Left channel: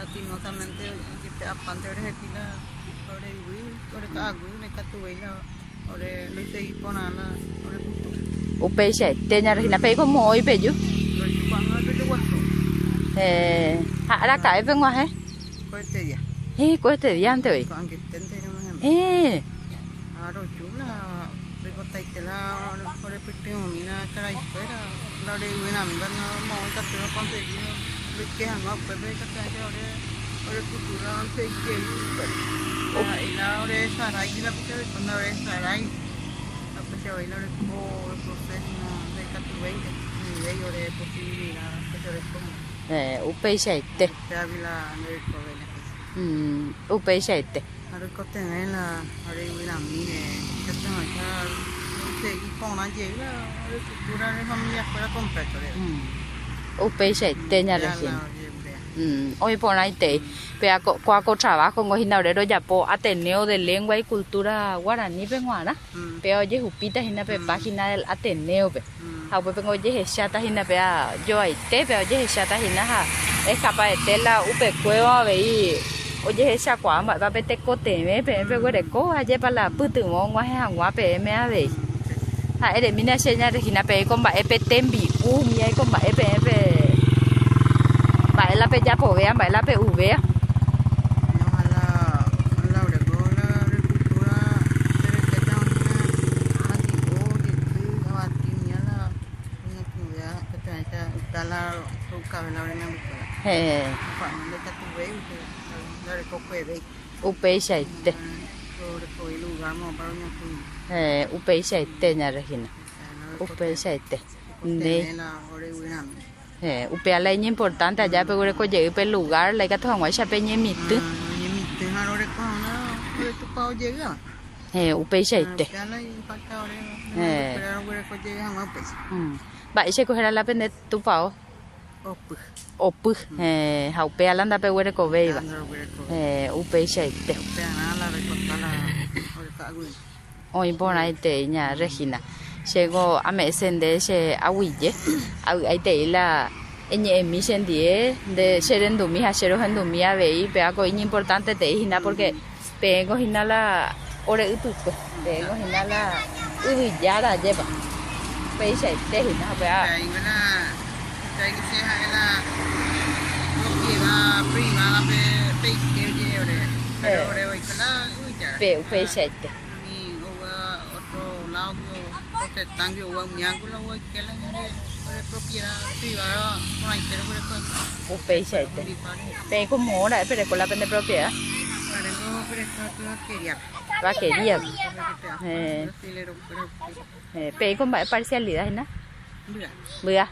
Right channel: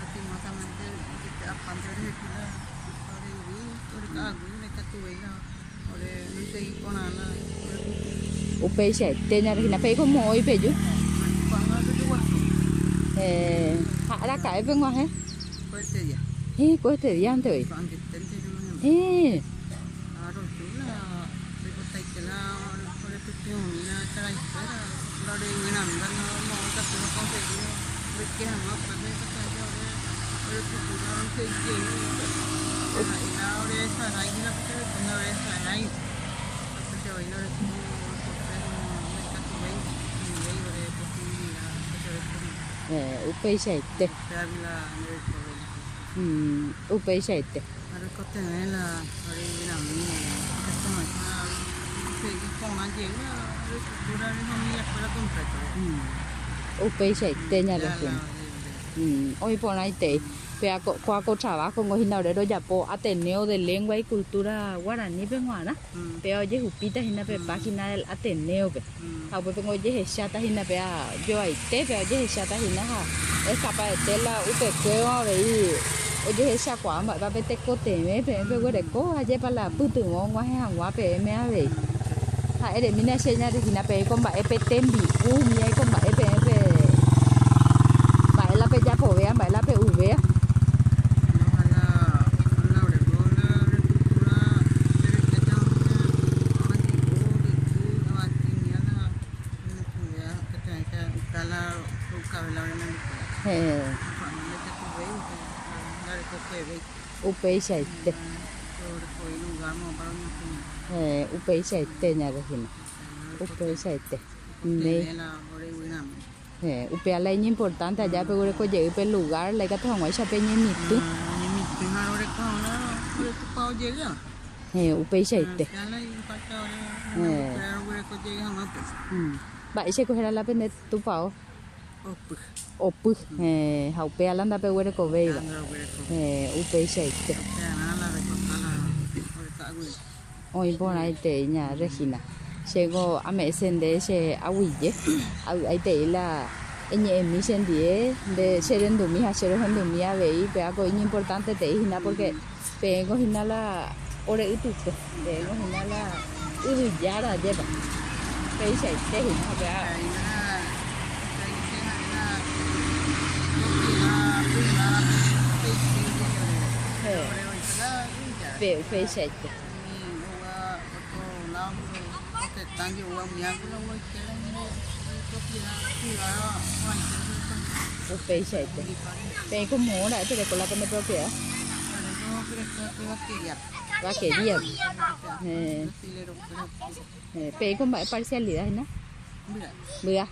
lastimosamente que te apante ore hekila ore wi ore ka agui ne katuela ore lo seguí ponala ore kuto Upei sẽ tên nhà thì là phải có mồi về chứ. ore chupanga ore waso Hạ ra cái bên ngoài hết. ko te dia Có thể đi ăn thôi. ko ange tente no ma aro chula rico taitela ore pitte mina cara espera ore wina mi van no ta te conseguido lo que han no pues ve ka ore cultura no se quiere y la ore sarai y la pitte cuando ore sarai la pitte baila ore ko proceso no de catuveira ni de ore posibilidad que ore con Upei sẽ tên. te avila ore ko vela Upei sẽ tên. ore ko te la ore wina mine que te no ya seguí con la llega ore cultura de familia fuera completo Upei sẽ tên nhà ya thì. la Hoy por ahí te. Vea cuaco trabajo con hinaurero ya po Ateneo de Lengua y Cultura Guaraní peruana. Pero oye jupita hina pe página del Ateneo pe. Ha pues vengo oye chata hina pe yo ahí te pero oye chata hina ha es capaz de tela upe cueva ve oye esa quả mà ba pe te cote me pe de co aye para la putu mo ngwa ha ngwa pe me a ve. Ha de mina seña de hina pe con ba pe tembi u mi ai con ba pe la pe ya po vea la pe u vea. Upei sẽ tên. Upei sẽ tên nhà Regina. Upei sẽ tên. Upea la es importante allá pero que llegue pel lugar la que te vamos a echar peña mi tu. Upei sẽ tên. Bạn sẽ coger la pende tu pao. Opu. Upea la anda pe huere ko ve. Upei sẽ tên. Hoy por ahí te nhà Regina. Llego a me sende se aguille. Ahí te la en mi sendie de ser en dumi a ser en dumi a ver pe algo importante te hina porque tengo hina la ore utuko. Tengo hina la ubillada lleva. Pe se te hina pe a. Propiedad privada pe que ore. Pero ore hoy la ubillada. Pe se te. Otro lado que están que hubo un ángulo que la propiedad privada por ahí pero por Upei sẽ te. Pe como hora pero con la pende propiedad. Va que día. Pe con parcialidad, ¿no? Mira. Mira.